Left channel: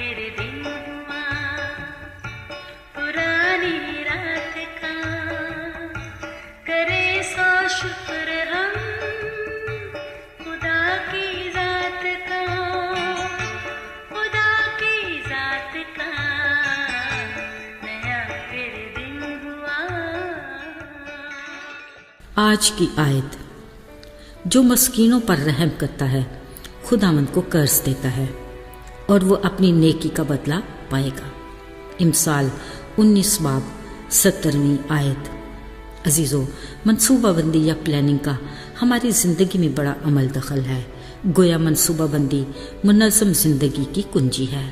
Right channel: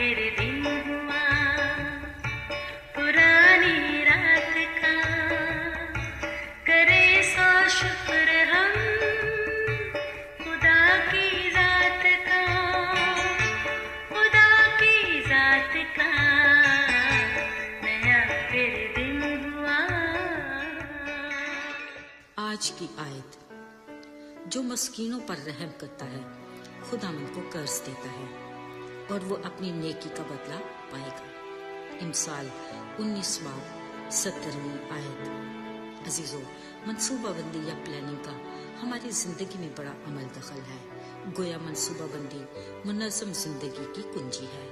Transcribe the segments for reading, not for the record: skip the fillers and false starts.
फिर दिन हुआ पुरानी रात का, करे सो शुक्र हम खुदा की जात का, खुदा की जात का, नया फिर दिन हुआ। आज की आयत, जो मस्कीनों पर रहम करता है खुदावंद को कर्ज देता है और वो अपनी नेकी का बदला पाएगा। इमसाल 19 बाब 17वीं आयत। अजीज़ों, मनसूबाबंदी या प्लानिंग का हमारी ज़िंदगी में बड़ा अमल दखल है। गोया मनसूबाबंदी मुनज़्ज़म ज़िंदगी की कुंजी है।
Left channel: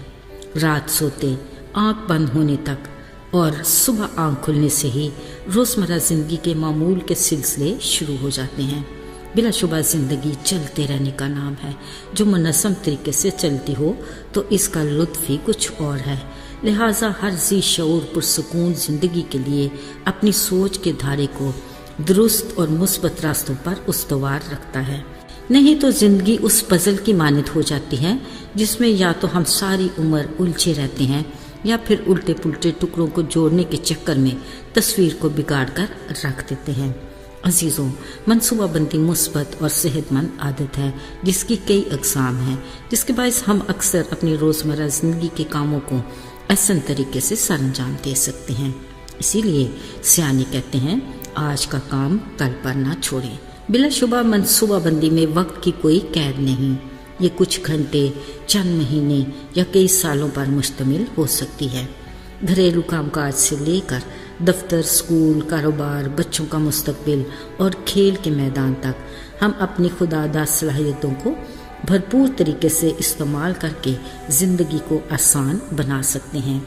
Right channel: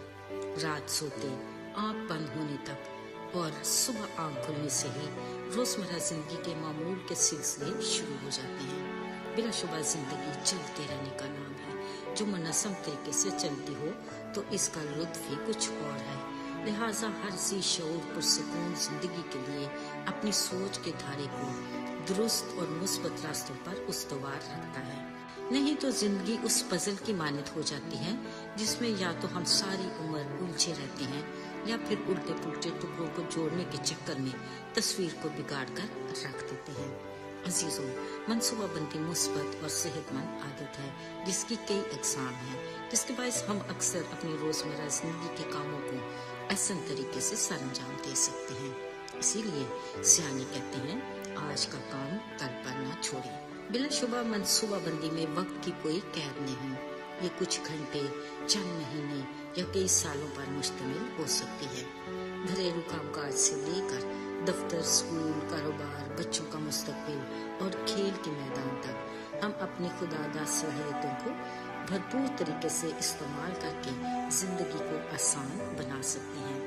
रात सोते आँख बंद होने तक और सुबह आँख खुलने से ही रोज़मर्रा ज़िंदगी के मामूल के सिलसिले शुरू हो जाते हैं। बिलाशुबा ज़िंदगी चलते रहने का नाम है। जो मुनज़्ज़म तरीके से चलती हो तो इसका लुत्फ़ ही कुछ और है। लिहाजा हर ज़ी शऊर पुरसुकून ज़िंदगी के लिए अपनी सोच के धारे को दुरुस्त और मुस्बत रास्तों पर उस्तवार रखता है। नहीं तो ज़िंदगी उस पज़ल की मानद हो जाती है जिसमें या तो हम सारी उम्र उलझे रहते हैं या फिर उल्टे पुल्टे टुकड़ों को जोड़ने के चक्कर में तस्वीर को बिगाड़ कर रख देते हैं। अजीज़ों, मनसूबाबंदी मुस्बत और सेहतमंद आदत है जिसकी कई अक़साम हैं, जिसके बायस हम अक्सर अपनी रोज़मर्रा ज़िंदगी के कामों को ऐसन तरीके से सरअंजाम दे सकते हैं। इसीलिए सियाने कहते हैं, आज का काम कल पर ना छोड़ें। बिलाशुबा मनसूबाबंदी में वक्त की कोई कैद नहीं। ये कुछ घंटे, चंद महीने या कई सालों पर मुश्तमिल हो सकती है। घरेलू कामकाज से लेकर दफ्तर, स्कूल, कारोबार, बच्चों का मुस्तकबिल और खेल के मैदान तक हम अपनी खुदादा सलाहियतों को भरपूर तरीके से इस्तेमाल करके ज़िंदगी को आसान बना सकते हैं।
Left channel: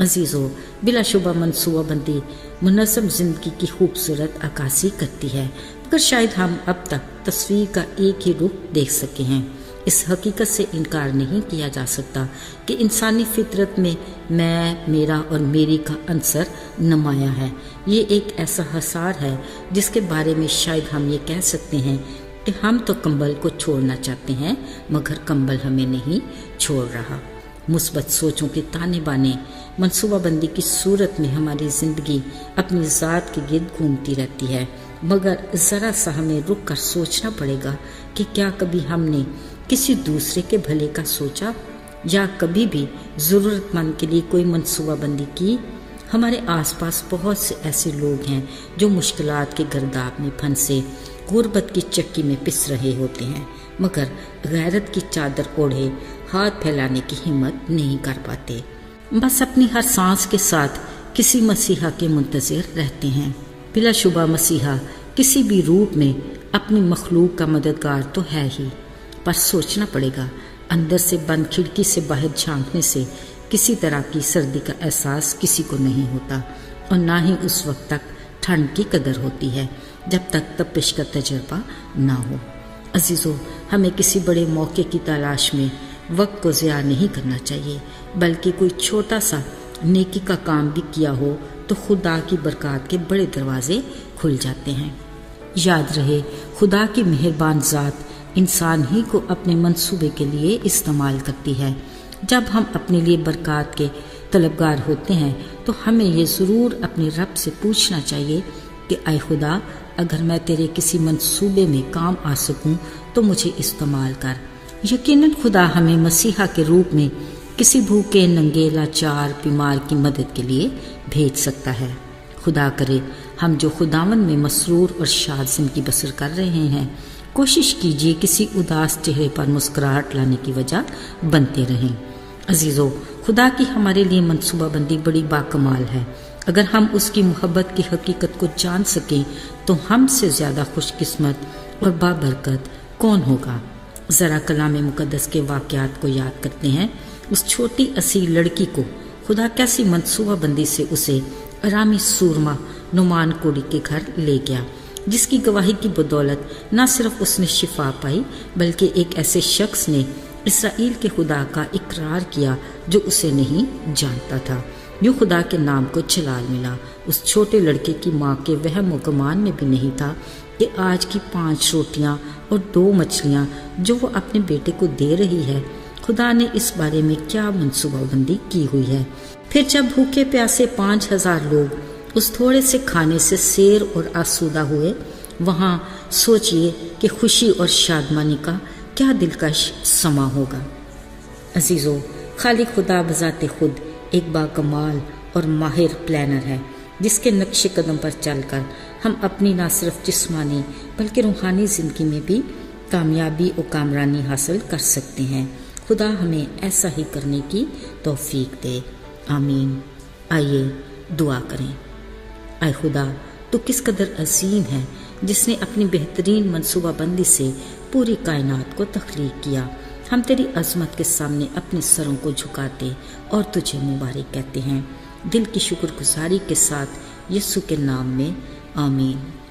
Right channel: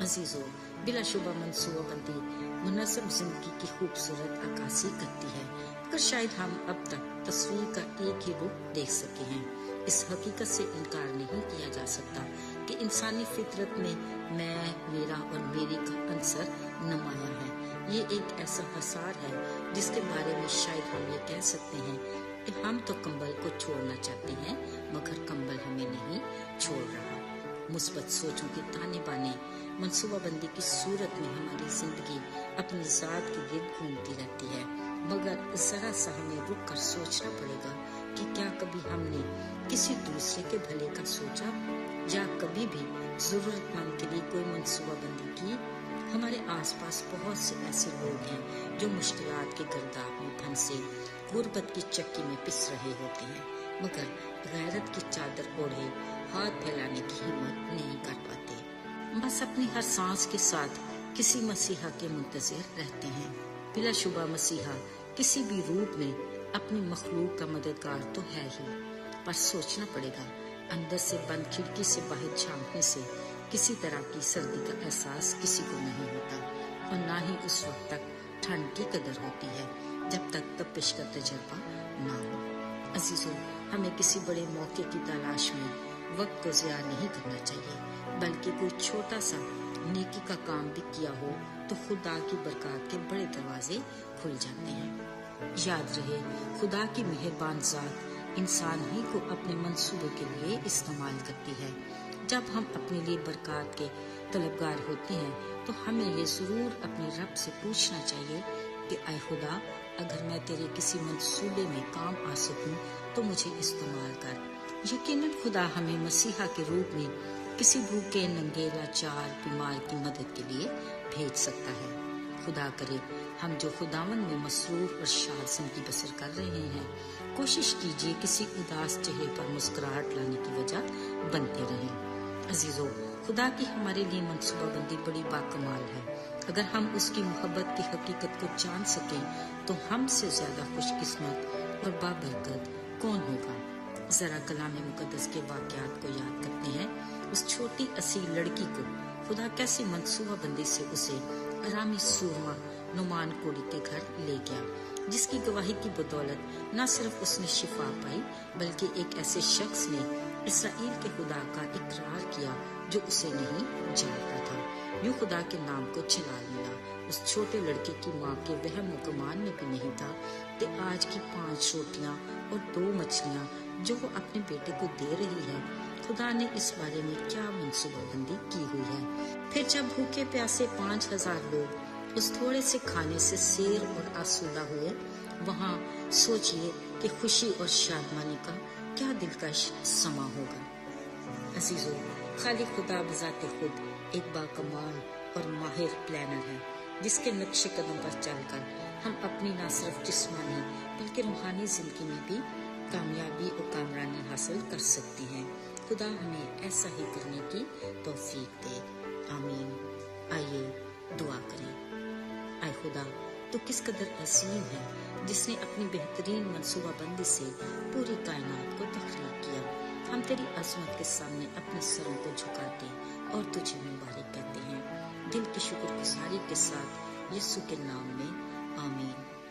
अजीज़ों, बिलाशुबा मनसूबाबंदी मुनज़्ज़म ज़िंदगी की खूबसूरत अक्कासी करती है, मगर शायद हम अब तक तस्वीर का एक ही रुख देख सके हैं। इस हकीकत से इनकार नहीं किया जा सकता कि इंसानी फितरत में मैं, मेरा और मेरी का अंसर नुमाया है। ये एक ऐसा हसार है जिसके बारे में शायद हम ये कह सकते हैं कि हम तो कंबल को छोड़ना चाहते हैं मगर कंबल हमें नहीं छोड़ रहा। मुस्बत सोचों के ताने बाने मनसूबाबंदी की सूरत में हमारी ज़िंदगी अपनी ज़ात के गिर्द घूमती रहती है, मगर ज़रा सा हमें रुक कर सोचना पड़ेगा कि क्या कभी हमने किसी दूसरे के भले का सोचा या कभी भी ज़रूरतमंद के लिए कोई मनसूबाबंदी की। हमारे आसपास बहुत से ऐसे लोग हैं जो मुश्किलात के गर्दाब में फंसे गुर्बत की चक्की में पिस रहे होते हैं, मगर गैरत की चादर ओढ़े हाथ फैलाने की हिम्मत नहीं कर पाते। बस अपनी हर सांस के साथ किसी मसीहा के मुंतज़िर रहते हैं। बिलाशुबा मसीहा किसी भी रूप में अपनी मखलूक का मददगार तो है ही, पर सोचना पड़ेगा, अंदर से बंद खिड़की से बाहर झांकने से किसी तरह की सर्दी का एहसास किसी को नहीं होता और ना ही उस वक्त तक ठंड की कदर होती है जब तक तपिश का तजर्बा ना हो। अजीज़ों, हमें किसी बड़े मौके की तलाश में वक्त को ज़िया नहीं करना चाहिए, बल्कि कोई छोटा सा नेकी का काम भी किया हो तो खुदा की बरकत के बड़े दरवाजे खुल जाते हैं। याद रहे, खुदा की मेहरबान ज़ात इंसान ही को अपने मंसूबे के लिए इस्तेमाल करती है। जब हम अपने लिए बरकत के तलबगार होते हैं तो हमें ये ज़रूर अपने रब से पूछना चाहिए कि ऐ खुदा, अगर मैं तेरे किसी मंसूबे में काम आ सकूं तो मुझे इस्तेमाल कर। यकीनन खुदा हमें मसीहा के रूप में किसी भूखे, नंगे, लाचार, बीमार की मदद के लिए भेज सकता है। खुदा करे हम जो खुदावन में मसरूर और शाद ज़िंदगी बसर कर रहे हैं, कोशिश कीजिए किसी उदास चेहरे पर मुस्कुराहट लाने की वजह बनते रहें। अजीज़ों, खुदा की हमारे लिए मनसूबाबंदी बड़ी बाकमाल है। अगर हम उसकी मोहब्बत की हकीकत को जान सकें तो हमसे ज़्यादा खुशकिस्मत और बाबरकत कौन होगा। ज़रा कलाम मुक़द्दस के वाक़यात को याद करते हैं। उस छोटी असील लड़की को खुदा कैसी मनसूबाबंदी से उसे आरामी सूरमा नुमान कोड़ी के घर ले गया, जिसकी गवाही की बदौलत न सिर्फ उसने शिफा पाई बल्कि एक ऐसे शख्स ने इसराइल के खुदा का इकरार किया जो उसे नहीं जानता था। यूँ खुदा के नाम को जलाल मिला। उस छोटे लड़के की माँ के वहम व गुमान में भी नहीं था कि आज की 5 रोटियाँ और 2 मछलियाँ जो वो अपने बेटे को दे रही है خدا نے اس بارے میں کیا منصوبہ بندی کی ہوئی ہے۔ پھر جب بھوکے پیاسے 5000 لوگ اس تھوڑے سے کھانے سے سیر اور آسودہ ہوئے، وہاں سوچئے کہ خوشی اور شادمانی کا کیا دلکش سما ہوگا۔ عزیزو، خالق خدا بذات خود ایک باکمال اور ماہر پلانر ہے، جس کے نقش قدم پر چل کر ہم اپنی نہ صرف جسمانی بلکہ روحانی زندگی میں بھی کامیابی اور کامرانی حاصل کر سکتے ہیں۔ خدا ہمیں ایسا ہی کرنے کی توفیق دے، آمین۔ آئیے دعا کریں۔ اے خدا، تو کس قدر عظیم ہے، جس نے اپنی بہترین منصوبہ بندی سے پوری کائنات کو تخلیق کیا۔ ہم تیری عظمت کے سامنے اپنے سروں کو جھکاتے اور تجھے مبارک کہتے ہیں، دل کی شکر گزاری کے ساتھ، یسوع کے نام میں، آمین۔